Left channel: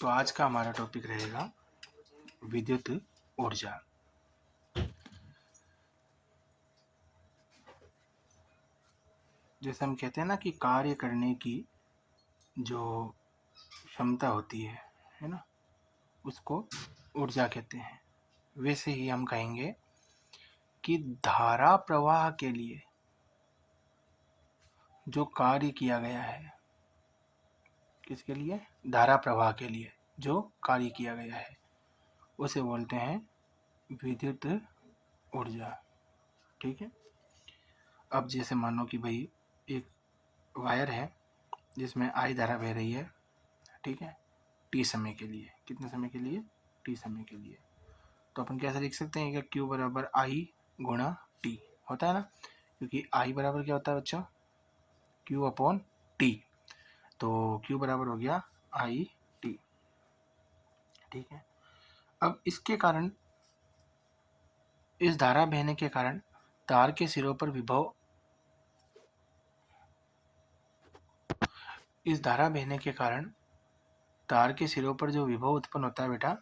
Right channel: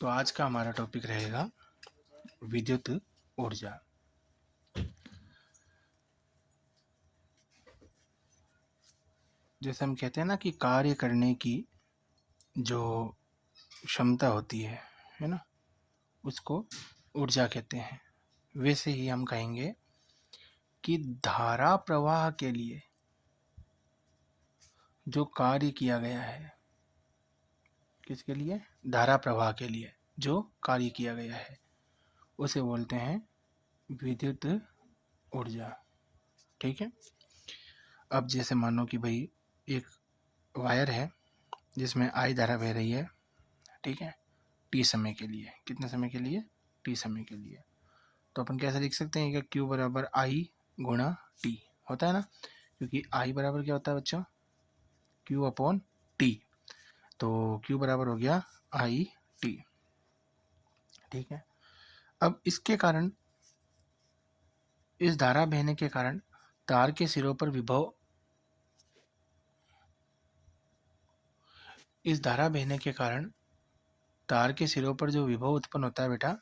तो आज का हमारा टॉपिक रहेगा विद्युत ऊर्जा। जैसे हम कहते हैं ना कि कार्य करने की जो क्षमता होती है ना, उसको ऊर्जा कहते हैं। वैसे ही हम कहेंगे कि धारा प्रवाह के लिए जो कार्य किया गया है, किसके लिए? धारा प्रवाह के लिए जो कार्य किया गया है उसे बोलते हैं विद्युत ऊर्जा। ठीक है। अब जैसे मानो कि भाई एक वायर है जिसमें आई धारा बह रही है, ठीक है, टी समय के लिए। कितने समय के लिए? टी समय के लिए। तो अपन कैसे लिख सकते हैं कि Q बराबर आई गुणा टी होता है ना, क्योंकि आई बराबर क्या होता है बच्चों? Q upon T. तो Q बराबर हो गया आई टी। ठीक है। अब इसके कारण, इस धारा बहने के कारण तार के सिरों पर विभव, इस धारा बहने के कारण तार के सिरों पर जो विभव उत्पन्न होता है बेटा,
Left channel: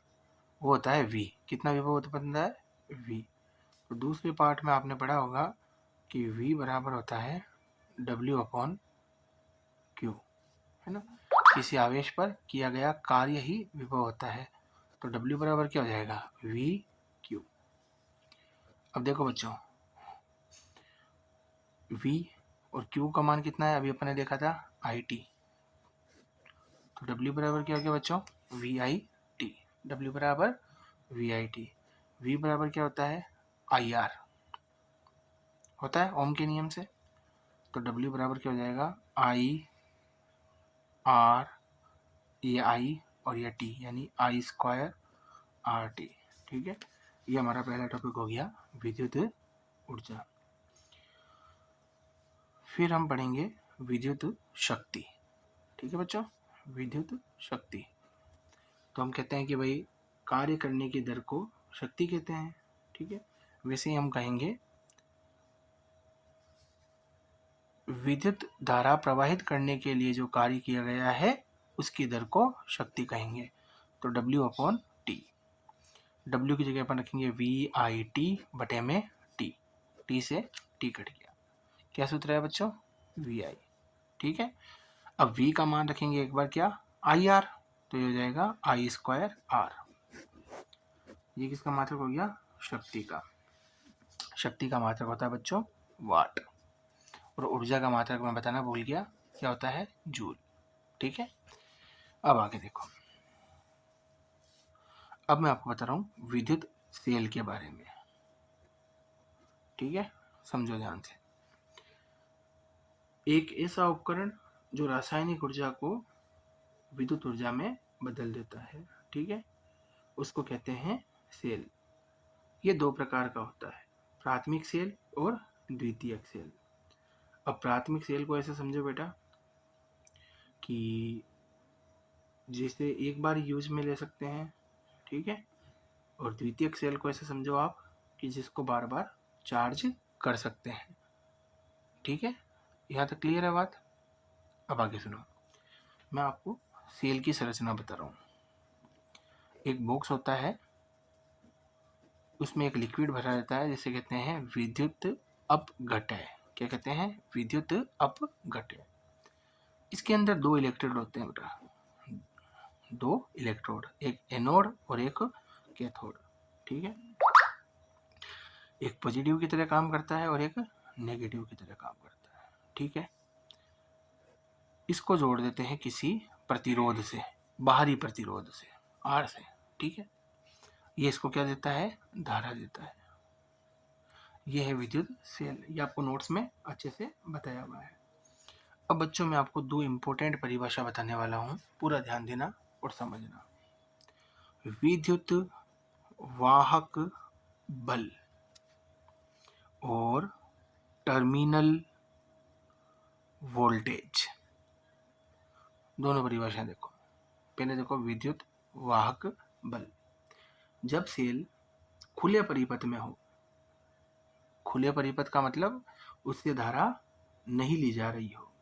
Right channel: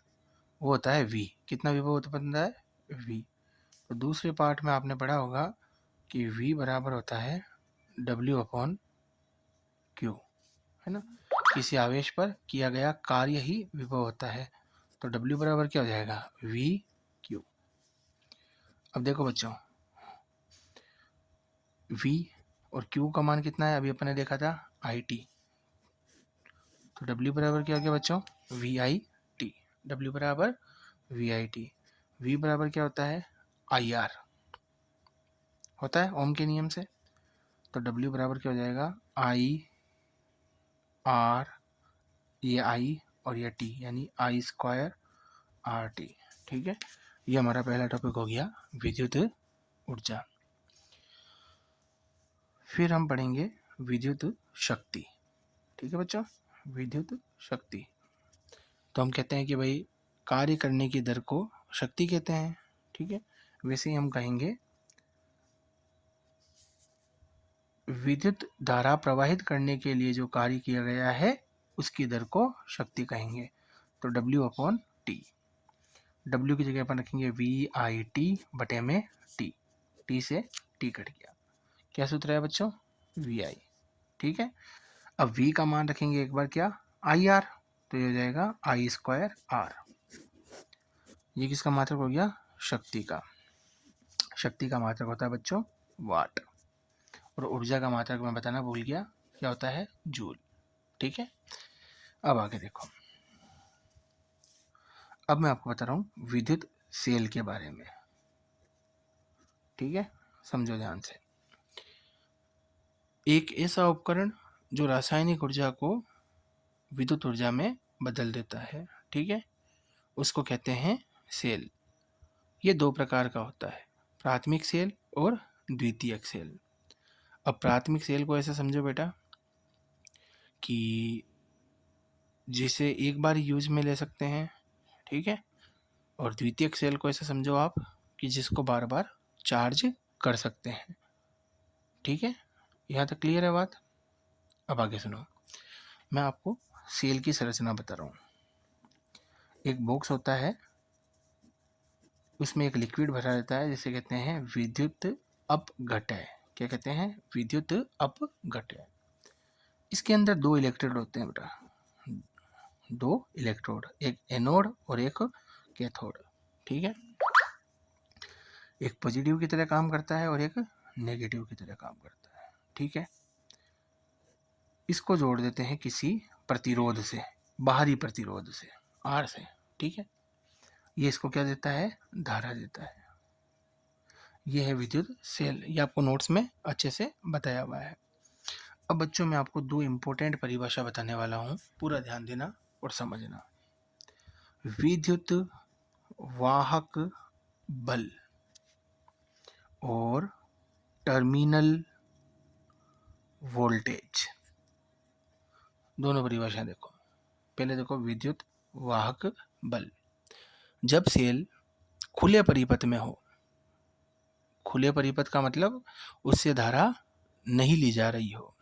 वो होता है V। कितना विभव उत्पन्न होता है? V। तो दूसरे पार्ट में आपने पढ़ा होगा कि V बराबर होता है W अपॉन Q, है ना। किसी आवेश पर किया गया कार्य ही विभव होता है, तो W बराबर क्या हो जाएगा? V Q। अब देखो बच्चों, V और Q का मान कितना है? अभी अपन ने देखा था IT। तो W बराबर क्या हो गया बच्चों? VIT। W बराबर VIT। V बराबर क्या होता है? IR होता है ओम के नियम से। तो W बराबर क्या हो जाएगा? IR, ये I और ये T, यानी I स्क्वायर RT। ठीक है। ये हमारा पहला टॉपिक हो गया विद्युत ऊर्जा। फिर हम पढ़ेंगे विद्युत शक्ति। ठीक है बच्चों, विद्युत शक्ति। तो हम कहते हैं कि भाई कार्य करने की दर को शक्ति कहते हैं। ठीक है। वैसे ही हम कहेंगे विद्युत धारा प्रवाहित करने के लिए जो कार्य किया गया है उसकी दर को शक्ति कहेंगे। तो W अपॉन टी। W की जगह अपन रखेंगे VIT बटे में T। T से T कट गया। क्या सूत्र है बच्चों? VI। ठीक है। अब V का मान रखेंगे एक बार क्या? IR। तो ये हो जाएगा I स्क्वायर R। ये किसका मात्रक हो गया? शक्ति का। शक्ति का मात्रक होता है बच्चों वाट, और ऊर्जा का मात्रक मैं बताना भूल गया, क्या होता है? जूल। ठीक है। अब आगे देखो, अब मैं आपको बता रहा हूँ विद्युत सेल के बारे में। ठीक है, समझो ध्यान से। एक ऐसा उपकरण जो रासायनिक ऊर्जा को विद्युत ऊर्जा में बदल देता है, ठीक है, उसको कहते हैं सेल। ये दो प्रकार का होता है, प्राथमिक सेल और द्वितीयक सेल। अब प्राथमिक सेल को ऐसे समझो बेटा कि जिसे एक बार यूज में ले सकते हैं, ठीक है, और द्वितीयक सेल को ऐसे समझो आप कि जिसको बार बार चार्ज कर सकते हैं। ठीक है, यहाँ तक क्लियर है बात? अब आगे सुनो, मैं आपको सेल की संरचना बता रहा हूँ। एक बॉक्स होता है, उसमें एक लिक्विड भरा रहता है जिसे कहते हैं विद्युत अपघटय। क्या कहते हैं? विद्युत अपघटय। इसके अंदर दो इलेक्ट्रोड होते हैं बेटा, दो इलेक्ट्रोड, एक एनोड और एक कैथोड। ठीक है, एक पॉजिटिव की तरह काम करता है और एक नेगेटिव की तरह काम करता है। ठीक है, इसको जोड़ देते हैं किसी प्रतिरोध से, बाहरी प्रतिरोध से, आर से। ठीक है, ये इसको क्या देता है? धारा देता है। ये है विद्युत सेल। ये आपको नोट्स में अच्छे से बताया हुआ है। अब बच्चों मैं आपको दो इम्पोर्टेंट परिभाषा बताने वाला हूँ, पूरा ध्यान देना और समझना। विद्युत वाहक बल और टर्मिनल वोल्टेज, दोनों परिभाषाएं देखो। पहले देखो विद्युत वाहक बल। जब सेल खुले परिपथ में हो, खुले परिपथ का मतलब उससे धारा नहीं ली जा रही हो,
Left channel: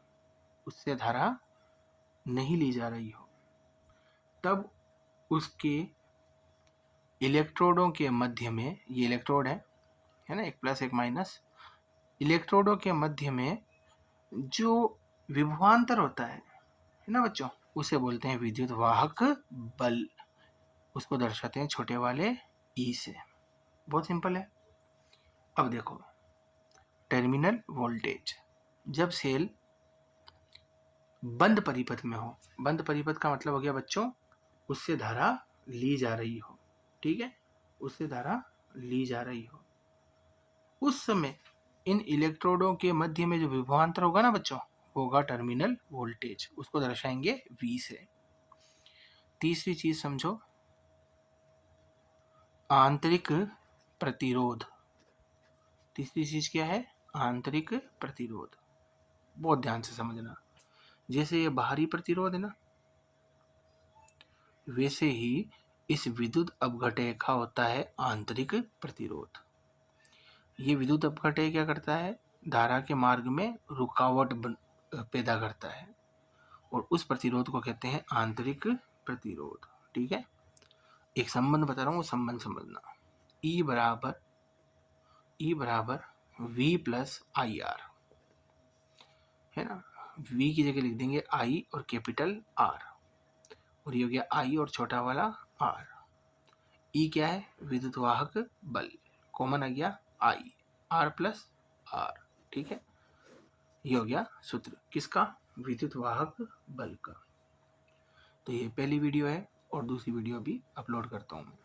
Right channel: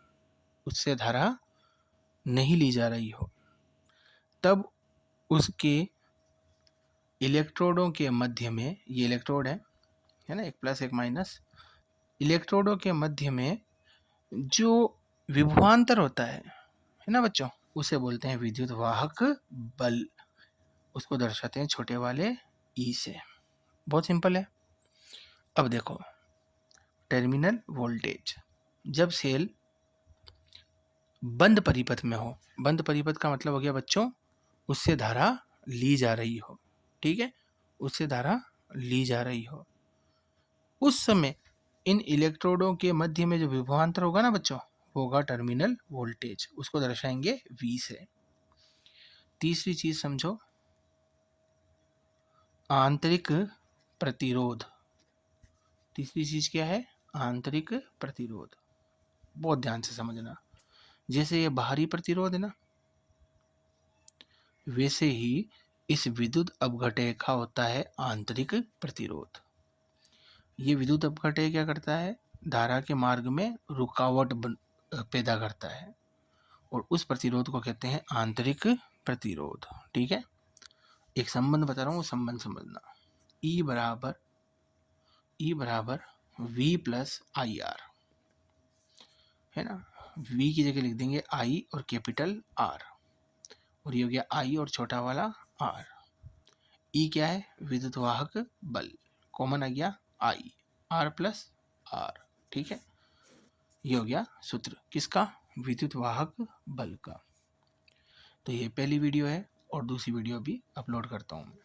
उससे धारा नहीं ली जा रही हो, तब उसके इलेक्ट्रोडों के मध्य में, ये इलेक्ट्रोड है ना, एक प्लस एक माइनस, इलेक्ट्रोडों के मध्य में जो विभवांतर होता है ना बच्चों, उसे बोलते हैं विद्युत वाहक बल। उसको दर्शाते हैं छोटे वाले ई से। बहुत सिंपल है। अब देखो टर्मिनल वोल्टेज, जब सेल बंद परिपथ में हो, बंद परिपथ का मतलब हो गया बच्चों उससे धारा ली जा रही हो, ठीक है, उससे धारा ली जा रही हो, उस समय इन इलेक्ट्रोडों के मध्य में जो विभवांतर होगा ना बच्चों, वो होगा टर्मिनल वोल्टेज, उसको दर्शाएंगे V से। तीसरी चीज समझो, आंतरिक प्रतिरोध। तीसरी चीज क्या है? आंतरिक प्रतिरोध। बहुत ध्यान से समझना, जैसे ये बाहरी प्रतिरोध है ना, वैसे ही इस विद्युत अपघटय का होता है आंतरिक प्रतिरोध। ये विद्युत अपघटय क्या करता है? धारा के मार्ग में रुकावट पैदा करता है, और उस प्रतिरोध को कहते हैं आंतरिक प्रतिरोध। ठीक है, एक संबंध बता रहा हूँ, वो संबंध समझना। E बराबर V प्लस आई आर, है ना। V की जगह लिख देंगे I और कैपिटल R, और ये हो गया I और छोटा वाला R। E क्या है? विद्युत वाहक बल, कॉमन आ गया I, R प्लस R। ठीक है, ये हो गया सूत्र किसका? विद्युत वाहक बल का। तो ये पहली वीडियो है, और दूसरी वीडियो भी अपलोड करता हूँ मैं।